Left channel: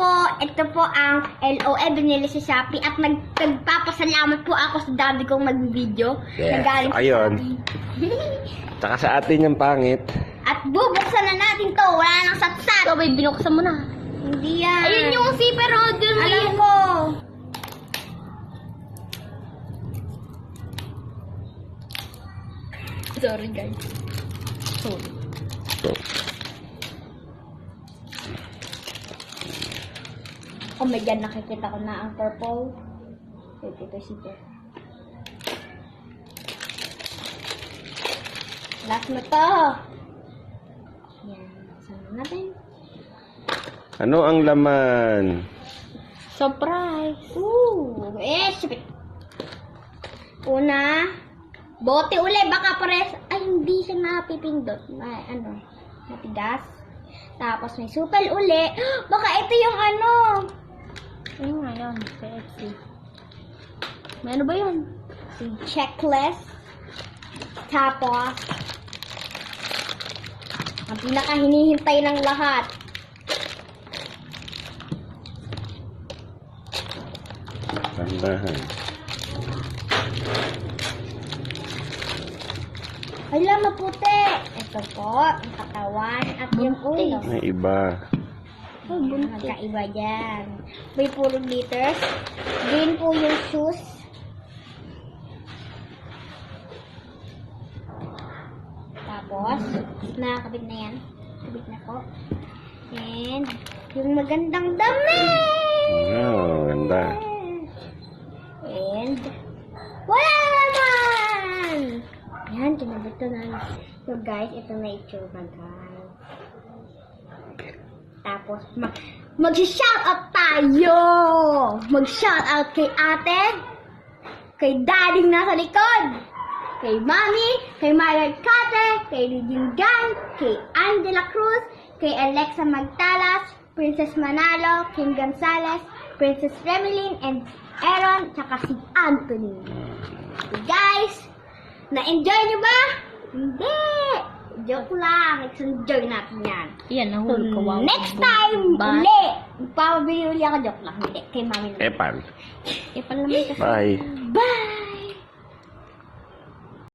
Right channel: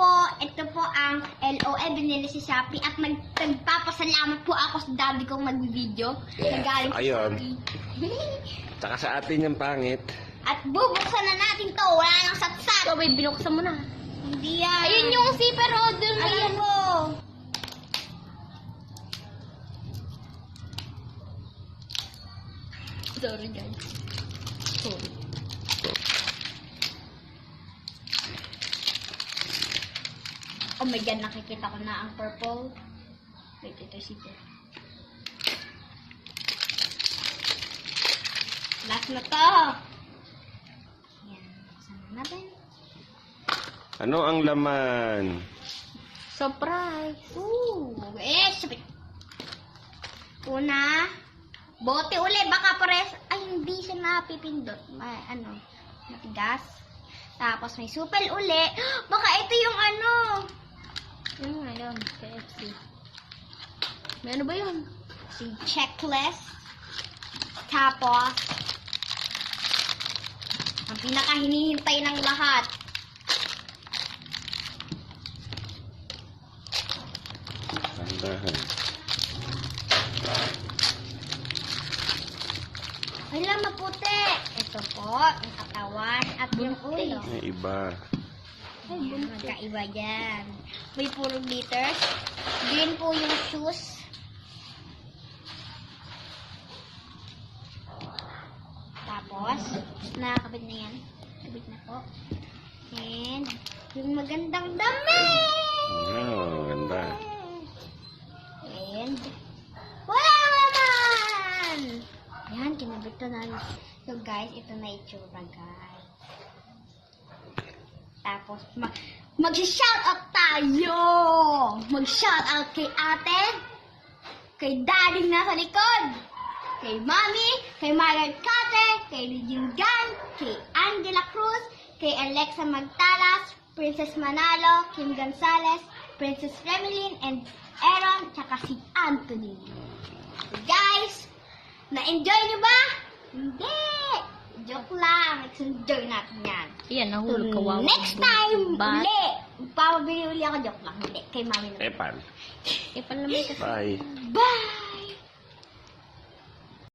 po, ito po ang LOE, binili si Shopee at nagpapasalamat po ako sa daddy kong mag-video. Yes, Nagaling sa ayun. Shopee. Tsaka sa atin yung pangit. At bubuksan na natin to, wala nang satsat. Ikaw, babe, binuksan mo na. Hindi yan. Ayun yung zipper holder mo Alam yan. ko. Sorry, guys. Sorry. So, Oh my God, nakikita ko na ang purple. Wait, ito zipper. Last na to. Yan, buksan na natin. ano ang laman? Surprise. Ooh, sweet. Una, bote uli, baka pares. Ay, hindi siya napipindot. Matigas. Tapos may supel uli. Baka ito yung ano. Ano nga yun? KFC. May ano ba yun? Si checklist. Tapos, ang pinaka hinihintay ng lahat. Tandahan. Hala, maputi. Ito po, ang katawan at yung ulo. May iba. Ay, buntis. Magkaiba dyan. May puro glitters. Green po yung shoes. Tapos, nakakabit na yan. Kabit na po. And, yung magandang damit! Wow, ganda. And, wala naman! Yan, kinabit ko na. So guys, ito na itsura guys. Tapos, mag-shoutout tayo! Mag-shoutout kay ate, kay daddy nasa likod, kay mami, kay Myra Carter, kay Regine Dan, kay Angela Cruz, kay Alexa Magtalas, Princess Manalo, Kim Gonzalez, Princess Remelin, and Aaron, tsaka si Anthony. So guys, na-enjoy nyo ba? Hindi! Joke lang. Next-enjoy natin yan. Yan, nahuli ka. Wow. Next time, Ba? uli! Magpapabili uli ako. Joke lang. Hindi. Kay mami na. Epan. Eh, pala naman kasi. Bye.